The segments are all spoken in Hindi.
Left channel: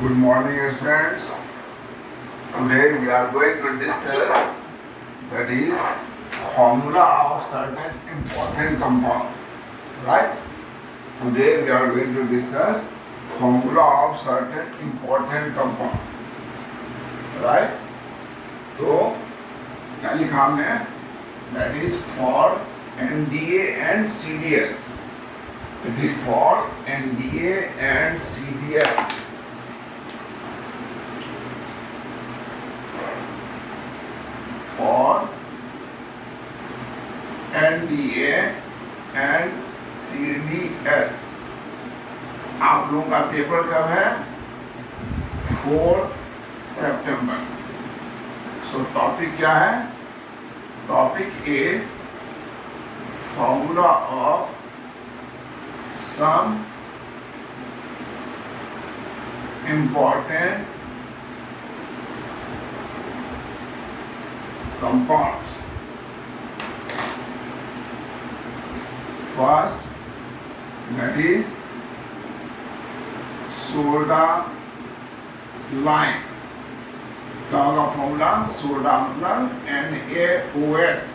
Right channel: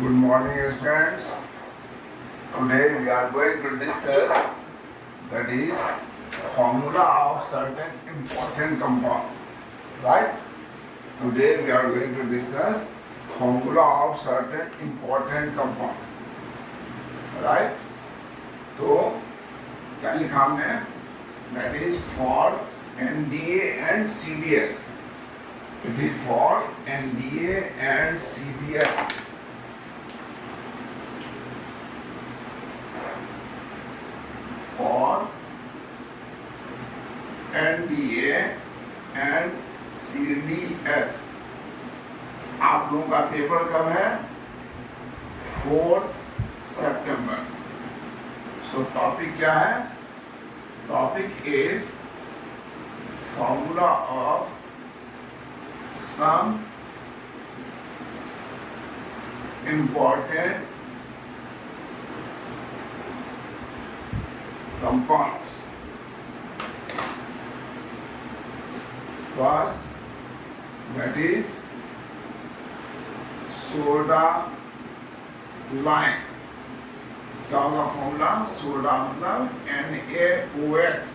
Good morning, friends. Today we are going to discuss that is formula of certain important compound. Right? Today we are going to discuss formula of certain important compound. Right? तो क्या लिखा हमने? That is for NDA and CDS. It is for NDA and CDS. For NDA and CDS. आप लोगों का पेपर कब है? 4 सितंबर. सो टॉपिक क्या है? Topic is formula of some important compounds. First, that is soda lime. क्या होगा फॉर्मूला? सोडा मतलब NaOH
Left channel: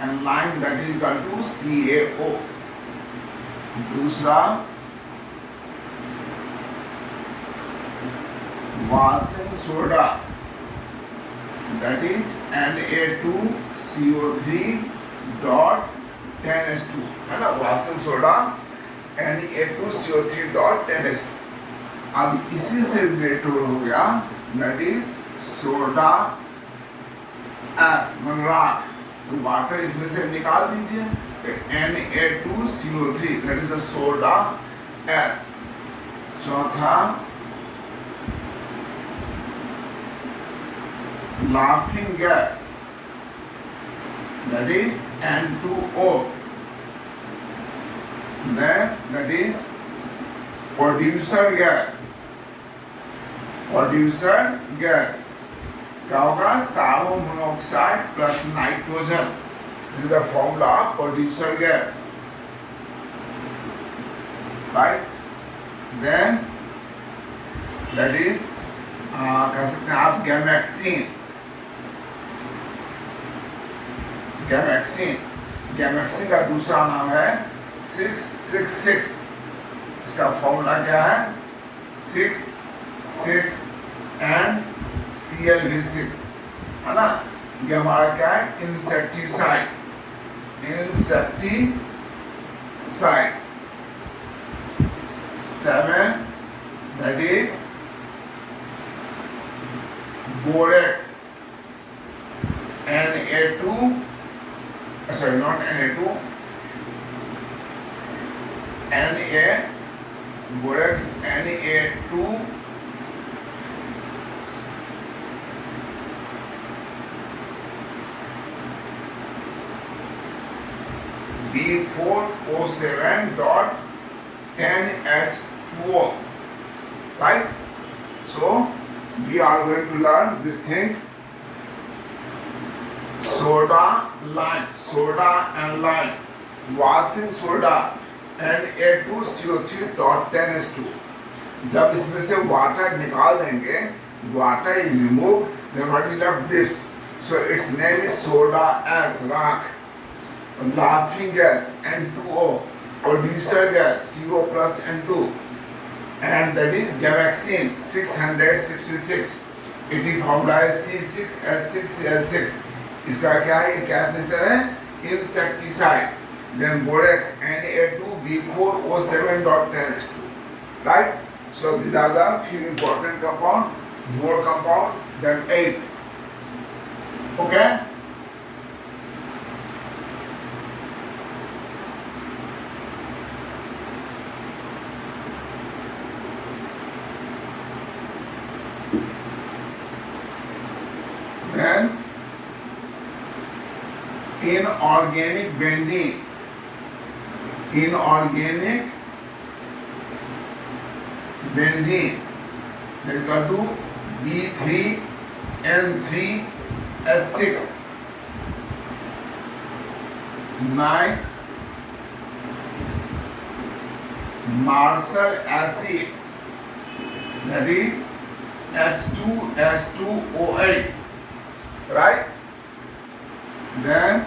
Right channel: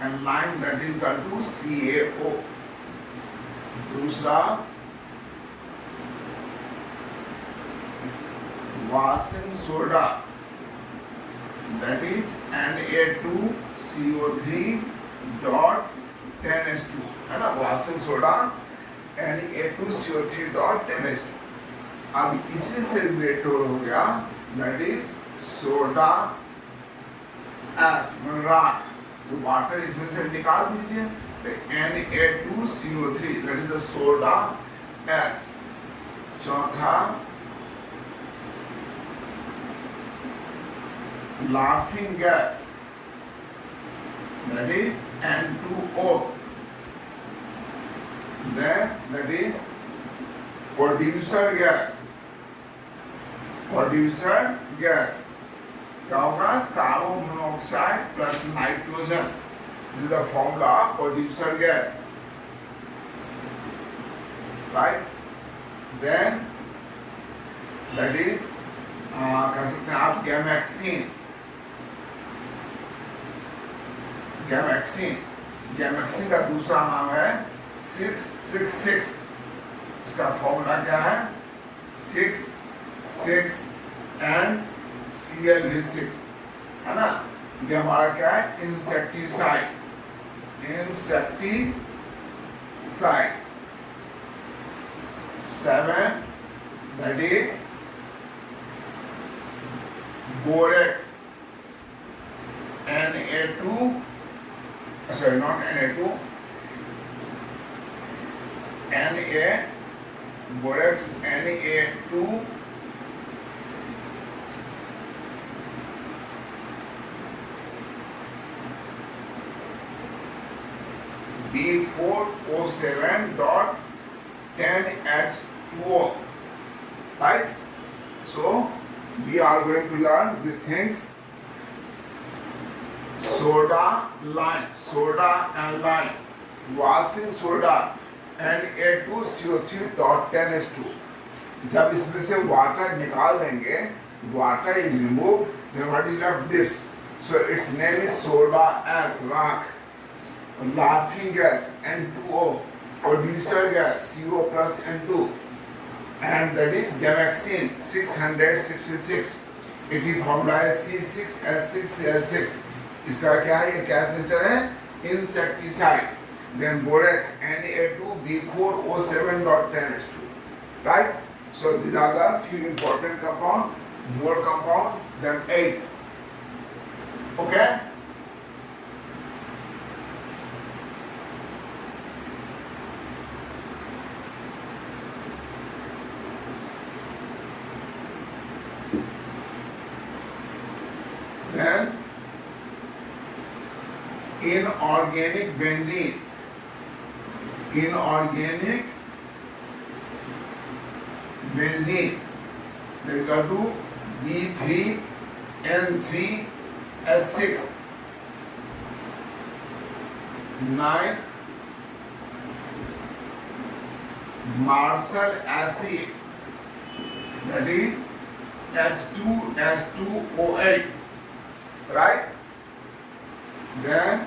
and lime that is equal to CaO. दूसरा washing soda that is Na2CO3.10H2 है ना. Washing soda Na2CO3.10H2. अब इसी से रिलेटेड हो गया दैट इज सोडा एस राख. तो वाटर इसमें से निकाल दीजिए. Na2CO3 that is the soda S. चौथा laughing gas that is N2O. Then that is producer gas. Producer gas क्या होगा? Carbon monoxide plus nitrogen. This is the formula of producer gas. Right? Then that is कह सकते हैं आप गैमेक्सिन. गैमेक्सिन का दूसरा नाम है 666. इसका फॉर्मूला क्या है? 6 6 एंड Cl6 है ना. ये हमारा क्या है? Insecticide. Insecticide. 7 that is borax. Na2 sorry not Na2 Na borax Na2 B4O7.10H2O. Right? So we are going to learn these things. Soda and lime, washing soda and Na2CO3.10H2. जब इसमें से वाटर निकाल देंगे, water is removed, then what is left? This. So its name is soda as राख. Laughing gas N2O, producer gas CO plus N2, and that is gamaxine 666. It is formula है C6H6Cl6. इसका क्या है? ये क्या नेचर है? Insecticide. Then borax Na2B4O7.10H2. Right? So these are the few important compound. More compound than 8. Okay? Then inorganic benzene that is equal to B3N3H6 9 martial acid, that is H2S2O8, right? Then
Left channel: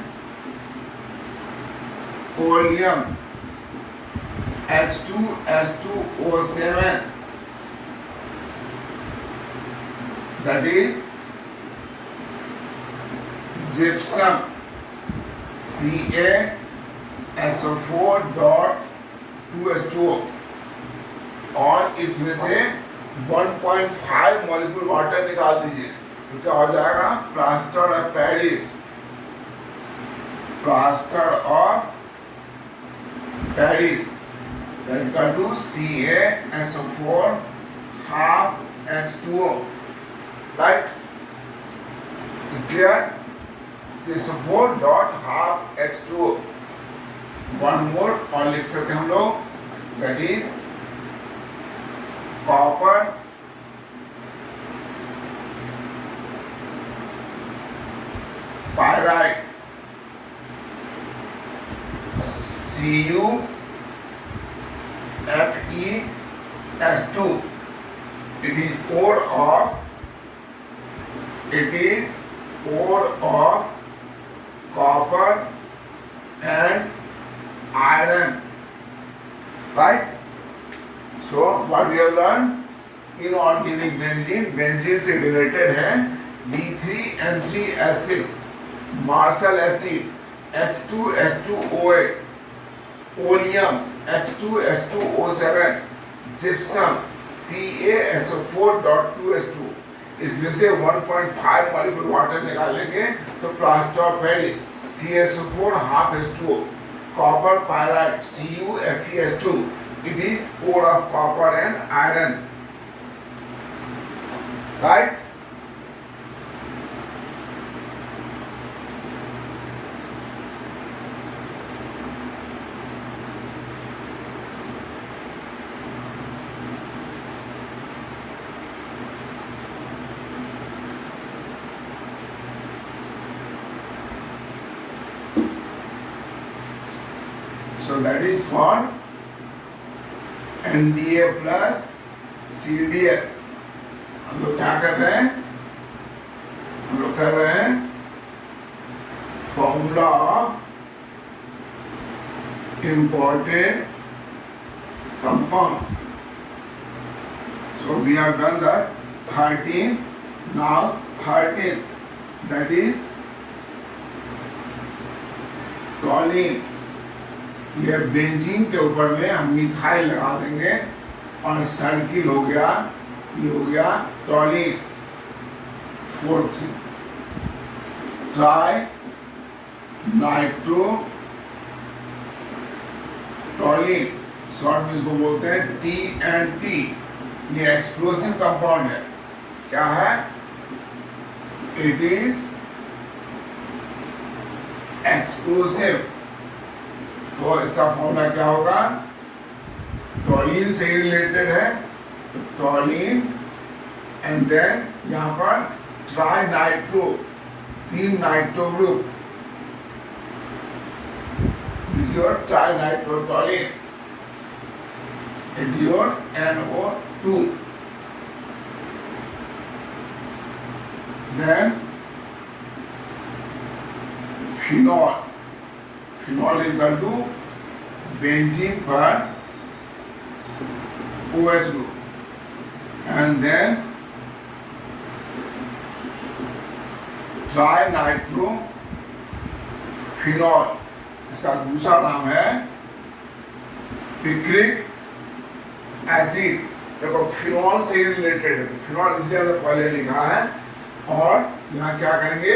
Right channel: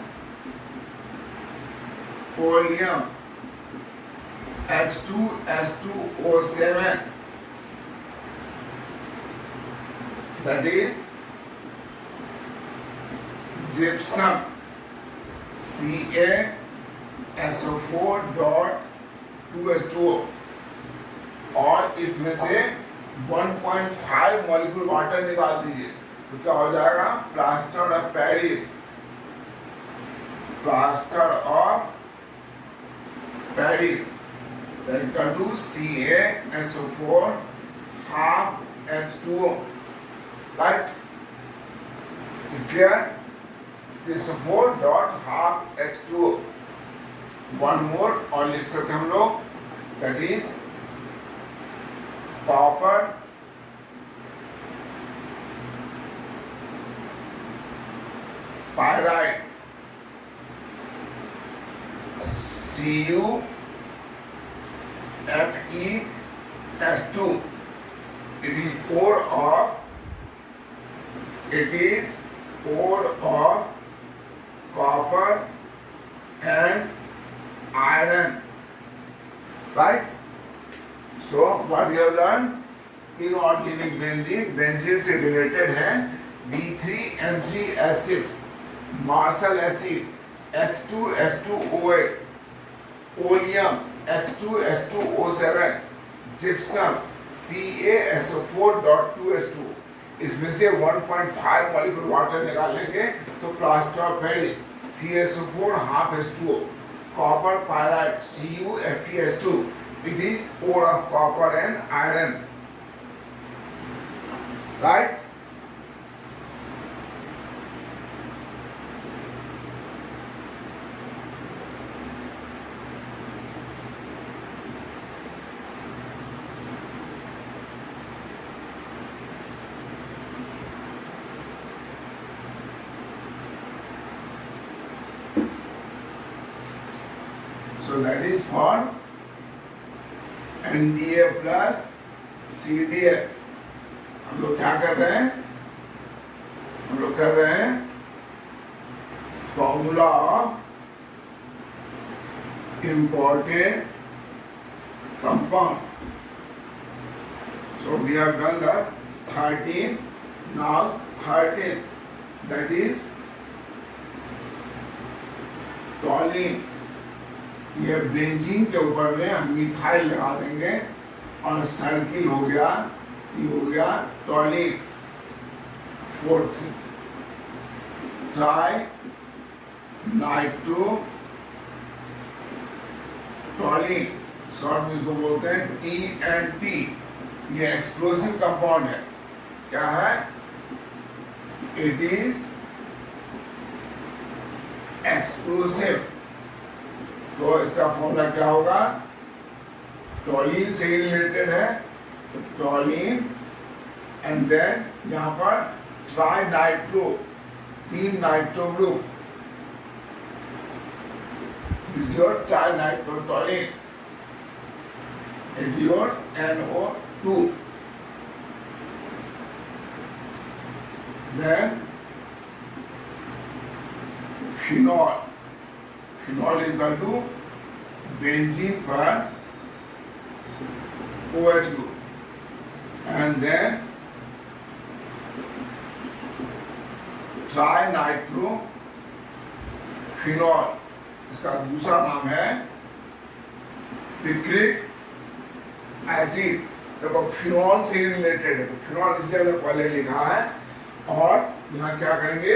oleum, H2S2O7, that is gypsum, CaSO4.2H2O, और इसमें से 1.5 मॉलिक्यूल वाटर निकाल दीजिए तो क्या हो जाएगा? Plaster of Paris, plaster of Paris equal to CaSO4 half H2O, right? Clear? CaSO4 dot half H2O. One more और लिख सकते हैं हम लोग, that is copper pyrite, CuFeS2. It is ore of copper and iron, right? So what we have learned, inorganic benzene, benzene से related है B3N3S6, Marshall acid, H2S2O8, oleum, H2S2O7, gypsum, CaSO4.2H2. इसमें से 1.5 मॉलिक्यूल वाटर निकालेंगे तो plaster of Paris, CaSO4 half H2O, copper pyrite, CuFeS2. It is ore of copper and iron, right? So that is for NDA plus CDS. हम लोग क्या कर रहे हैं? हम लोग कर रहे हैं formula of important compound. So we have done the 13, now 13th, that is toluene. ये बेंजीन के ऊपर में हम मिथाइल लगा देंगे और सर्किल हो गया, ये हो गया टॉलीन. फोर्थ ट्राई नाइट्रो टॉलीन, शॉर्ट में इसको बोलते हैं TNT. ये एक्सप्लोसिव कंपाउंड है. क्या है? It is explosive. तो इसका फॉर्मूला क्या होगा? टॉलीन से ही रिलेटेड है, टॉलीन एंड देन यहाँ पर tri nitro, 3 nitro group, this your tri nitro toluene, it your NO2. Then phenol, phenol is equal to benzene पर OH group, and then trinitrophenol, इसका दूसरा नाम है पिक्रिक एसिड. देखो फिनॉल से रिलेटेड है तो फिनॉल इसलिए हमने पहले लिखा है. और यहाँ क्या करेंगे?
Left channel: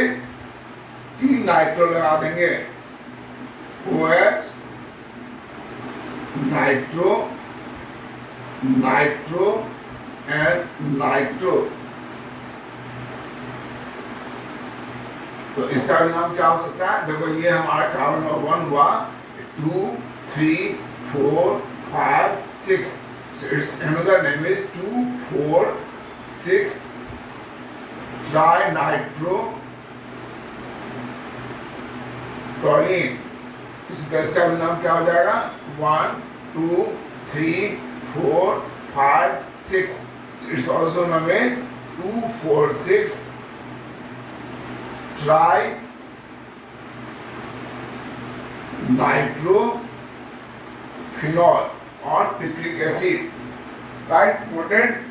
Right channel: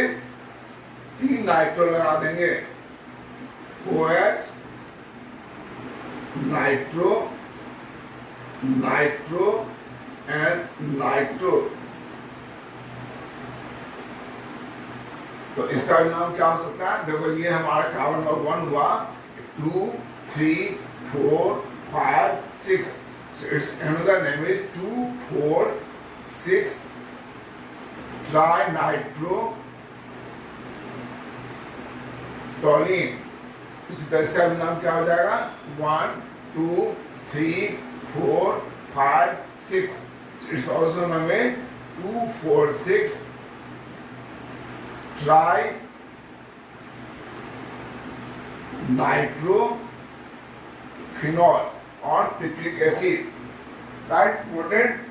3 नाइट्रो लगा देंगे, OH nitro, nitro and nitro. तो इसका भी नाम क्या हो सकता है? देखो ये हमारा कार्बन नंबर 1 हुआ, 2, 3, 4, 5, 6. So its another name is 2, 4, 6 trinitro टॉलीन. इसी तरह इसका भी नाम क्या हो जाएगा? 1, 2, 3, 4, 5, 6. So it's also known as 2,4,6 tri nitrophenol or picric acid, right? Important.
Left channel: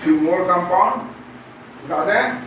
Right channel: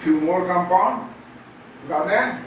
Few more compound. Rather